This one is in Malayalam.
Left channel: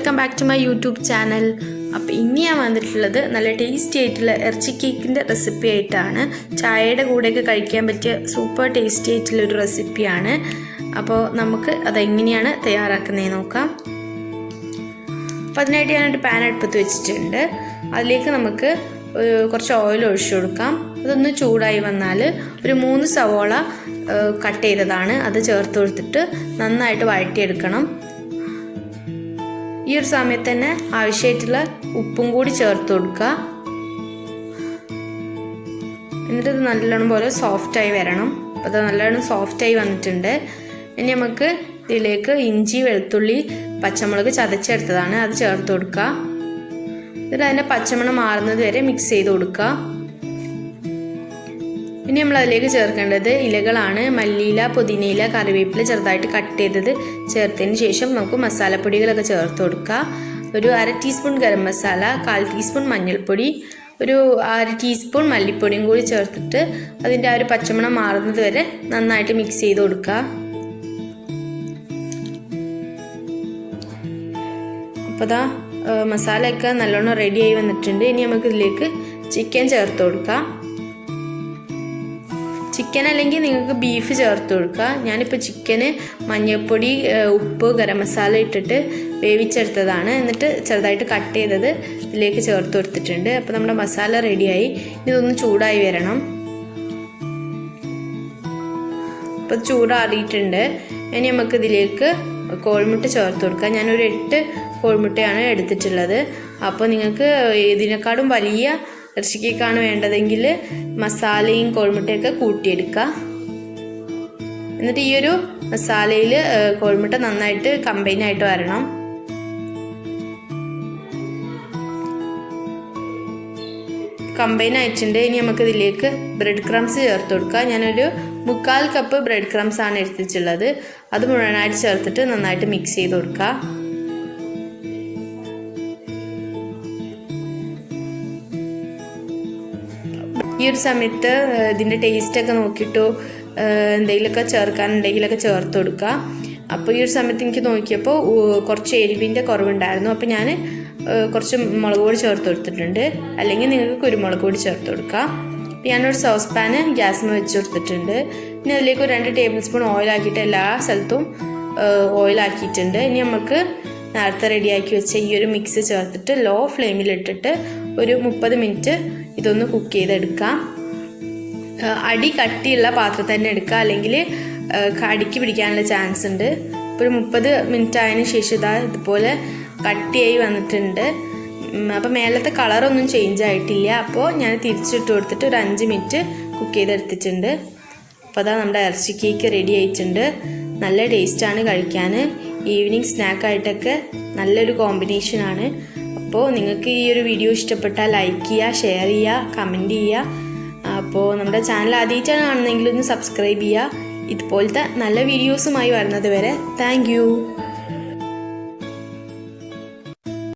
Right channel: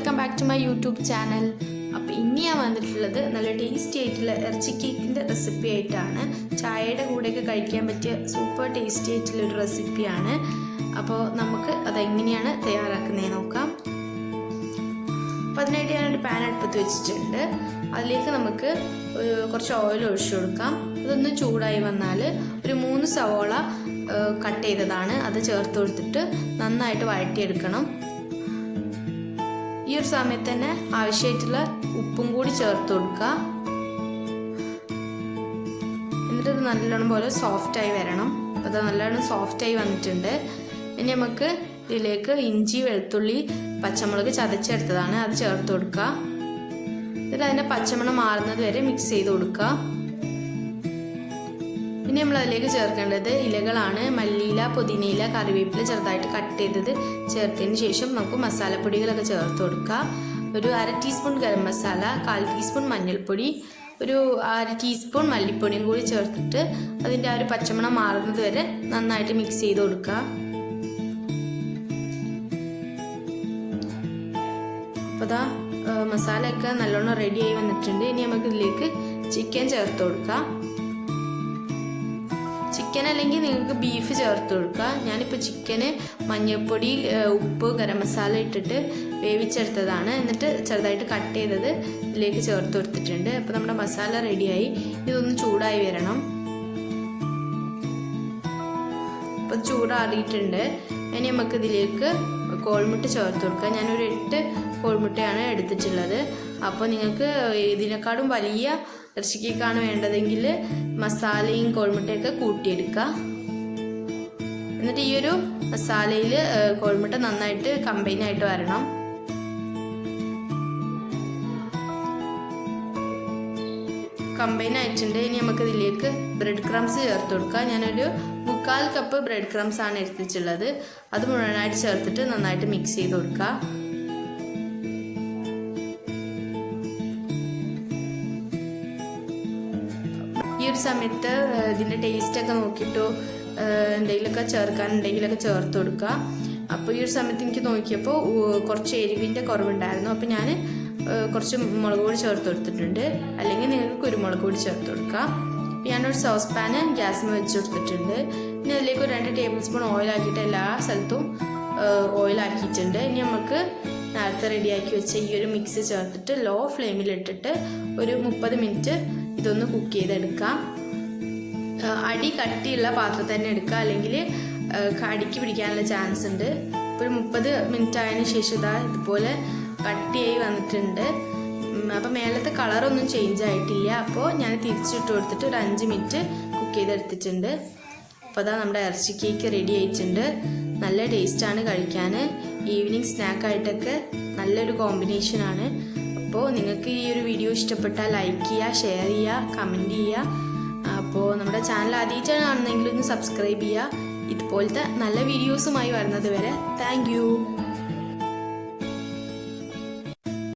Welcome back to my YouTube channel. അപ്പോൾ ഇനി ഞാൻ വന്നിട്ടുള്ളത് നല്ല ടേസ്റ്റി ആയിട്ടുള്ള ഇറച്ചി കേക്കിൻ്റെ റെസിപ്പി ആയിട്ടാണ്. ചായയുടെ കൂടെയൊക്കെ കഴിക്കാൻ പറ്റിയ സൂപ്പർ ടേസ്റ്റി ആയിട്ടുള്ളൊരു റെസിപ്പിയാണ്. അപ്പോൾ നമുക്ക് അതെങ്ങനെയാണ് തയ്യാറാക്കുന്നതെന്ന് നോക്കാം. അപ്പോൾ അതിനായിട്ട് ഞാനൊരു പാൻ അടുപ്പത്ത് വെച്ചിട്ടുണ്ട്. അതിലേക്ക് നമുക്ക് കുറച്ച് ഓയിൽ ഒഴിച്ചു കൊടുക്കാം. അതൊന്ന് ചൂടായി വന്നാൽ ഒരു 3 സവോള കട്ട് ചെയ്തതാണ് അത് ചേർത്ത് കൊടുത്തിട്ട് നന്നായിട്ട് വഴറ്റിയെടുക്കണം. ഈ ഒരു സമയത്ത് തന്നെ ആവശ്യമായിട്ടുള്ള ഉപ്പും കൂടി ചേർത്ത് കൊടുക്കുക. എന്നിട്ട് ഇത് നല്ലോണം പോലെ സോഫ്റ്റായി വരണം. അപ്പോൾ അത് നല്ലോണം സോഫ്റ്റായി വന്നിട്ടുണ്ട്. ഇനി നമുക്ക് ഇതിലേക്ക് ഇഞ്ചി, വെളുത്തുള്ളി, പച്ചമുളക് ചതച്ചെടുത്തതാണ് അത് ചേർത്ത് കൊടുക്കുക. എന്നിട്ട് അതിൻ്റെ പച്ചമണം മാറുന്നത് വരെ മിക്സ് ചെയ്ത് കൊടുക്കുക. ഇനി നമ്മൾ അതിലേക്ക് ചേർക്കേണ്ടത് ഇലകളാണ്. മല്ലിയില, പുതിനയില, കറിവേപ്പില ചെറുതായിട്ട് കട്ട് ചെയ്തത് ചേർത്തതിന് ശേഷം നമുക്ക് മസാലപ്പൊടികളൊക്കെ ചേർത്ത് കൊടുക്കുക. ഒരു 1/2 ടീസ്പൂൺ ഗരം മസാല, 1/4 ടീസ്പൂൺ മഞ്ഞൾപ്പൊടി, ഒരു 1/2 ടീസ്പൂൺ മല്ലിപ്പൊടിയും കൂടി ചേർത്തിട്ട് അതിൻ്റെ ആ ഒരു പച്ചമണം മാറുന്നത് വരെ നന്നായിട്ട് മിക്സ് ചെയ്ത് കൊടുക്കുക. അപ്പോൾ അതാ മസാലയൊക്കെ നല്ലോണം റെഡിയായി വന്നിട്ടുണ്ട്. ഇനി നമുക്ക് ഇതിലേക്ക് ചിക്കൻ ചേർത്ത് കൊടുക്കാം. ചിക്കൻ അല്ലെങ്കിൽ നിങ്ങൾക്ക് ബീഫ് ചേർത്ത് കൊടുക്കുക. ഞാനിപ്പോൾ ചിക്കന് മഞ്ഞൾപ്പൊടി, ഉപ്പ്, ഗരം മസാല ഇട്ടിട്ട് വേവിച്ചെടുത്തതാണ്. എന്നിട്ട് ചെറുതായിട്ട് കട്ട് ചെയ്തത് ഇതിലേക്ക് ചേർത്ത് കൊടുത്തിട്ടുണ്ട്. അപ്പോൾ നമ്മുടെ മസാല റെഡിയായി. ഇതൊന്ന് ചൂടായി വരണം. അപ്പോൾ ചൂടാറിയിട്ടുണ്ട്. ഇനി നമുക്ക് ഇതിലേക്ക് കോഴിമുട്ട ചേർത്ത് കൊടുക്കാം. ഞാനൊരു 8 കോഴിമുട്ടയാണ് എടുത്തിട്ടുള്ളത്. അപ്പോൾ നിങ്ങൾക്ക് ഇതിനേക്കാളും വലിയ ഇറച്ചി കേക്കാണ് വേണ്ടതെങ്കിൽ മസാലയും കോഴിമുട്ടയൊക്കെ കൂട്ടിയെടുക്കുക. എന്നിട്ട് ഈ ഒരു മസാലയിൽ കോഴിമുട്ട നന്നായിട്ട് കമ്പൈൻ ആയിട്ട് വരണം. കമ്പൈൻ ആയിട്ടുണ്ട്. ഇനി നമുക്ക് ഇതിലേക്ക് ബ്രെഡ് ക്രംസ് ചേർത്ത് കൊടുക്കുക. ഞാനൊരു 3/4 കപ്പ് ബ്രെഡ് ക്രംസ് ആണ് എടുത്തിട്ടുള്ളത്. അത് മുഴുവനായിട്ട് ചേർത്തിട്ട് നന്നായിട്ട് മിക്സ് ചെയ്ത് കൊടുക്കുക. ഈ ഒരു സമയത്ത് ഇതിൻ്റെ ടേസ്റ്റൊക്കെ നോക്കിയിട്ട് എന്തെങ്കിലുമൊക്കെ ചേർക്കാനുണ്ടെങ്കിലൊക്കെ ചേർത്ത് കൊടുക്കുക. അപ്പോൾ ഈ ഒരു സമയത്ത് എനിക്ക് നോക്കിയപ്പോൾ കുറച്ച് എരിവിൻ്റെ കുറവുണ്ടായിരുന്നു. അപ്പോൾ ഞാൻ കുറച്ച് മുളക് പൊടി ചേർത്ത് കൊടുത്തിട്ടുണ്ട്. അല്ലെങ്കിൽ നിങ്ങൾക്ക് കുരുമുളക് പൊടി ചേർത്ത് കൊടുക്കുക. ഞാനൊരു സോസ് പാന് ഗ്യാസിൽ വെച്ച് കൊടുത്തിട്ടുണ്ട്. പിന്നെ അതിലേക്ക് 2 ടേബിൾ സ്പൂൺ ഓയിലാക്കിയിട്ട് എല്ലാ സ്ഥലത്തും ഓയിലാക്കിയിട്ടുണ്ട്. ഇനി നമുക്ക് നേരത്തെ റെഡിയാക്കി വെച്ച ഈ ഒരു മിക്സ് ചേർത്തിട്ട് ലോ ഫ്ലെയിമിലിട്ടിട്ട് ഒരു 30 മിനിറ്റ് ഇതൊന്ന് കുക്ക് ചെയ്തെടുക്കാം. അടി കട്ടിയുള്ള പാത്രത്തിൽ തന്നെ എടുക്കുക, അല്ലെങ്കിൽ അടിക്ക് പിടിക്കാനുള്ള ചാൻസ് ഉണ്ട്. ഇപ്പോൾ ഒരു 30 മിനിറ്റ് ആയതിനു ശേഷം ഇതുപോലെ കട്ടിയായി വന്നിട്ടുണ്ട്. അപ്പോൾ മേലത്തെ കളറൊന്നും ചേഞ്ച് ആയിട്ടില്ല. അപ്പോൾ ഞാൻ തിരിച്ചിട്ട് കൊടുത്തിട്ട് ഒരു 5 മിനിറ്റ് കുക്ക് ചെയ്തെടുത്തിട്ടുണ്ട്. അപ്പോൾ അതാ നമ്മുടെ ഇറച്ചി കേക്ക് റെഡി ആയിട്ടുണ്ട്. നല്ല ടേസ്റ്റാണ് കഴിക്കാൻ. ഈവനിങ് സ്നാക്കായിട്ടൊക്കെ നല്ലൊരു കോമ്പിനേഷനാണ്. അപ്പോൾ നിങ്ങൾക്ക് ഈ ഒരു വീഡിയോ ഇഷ്ടപ്പെട്ടാൽ ലൈക്ക് ചെയ്യുക, ഷെയർ ചെയ്യുക, കമൻറ്റ് ചെയ്യുക. അപ്പോൾ നമ്മുടെ ചാനൽ ആദ്യമായിട്ടാണ് കാണുന്നതെങ്കിൽ ഒന്ന് സബ്സ്ക്രൈബ് ചെയ്യുക. ഇതുപോലത്തെ നല്ല വീഡിയോസുമായി വരുന്നത് വരെ താങ്ക് യു.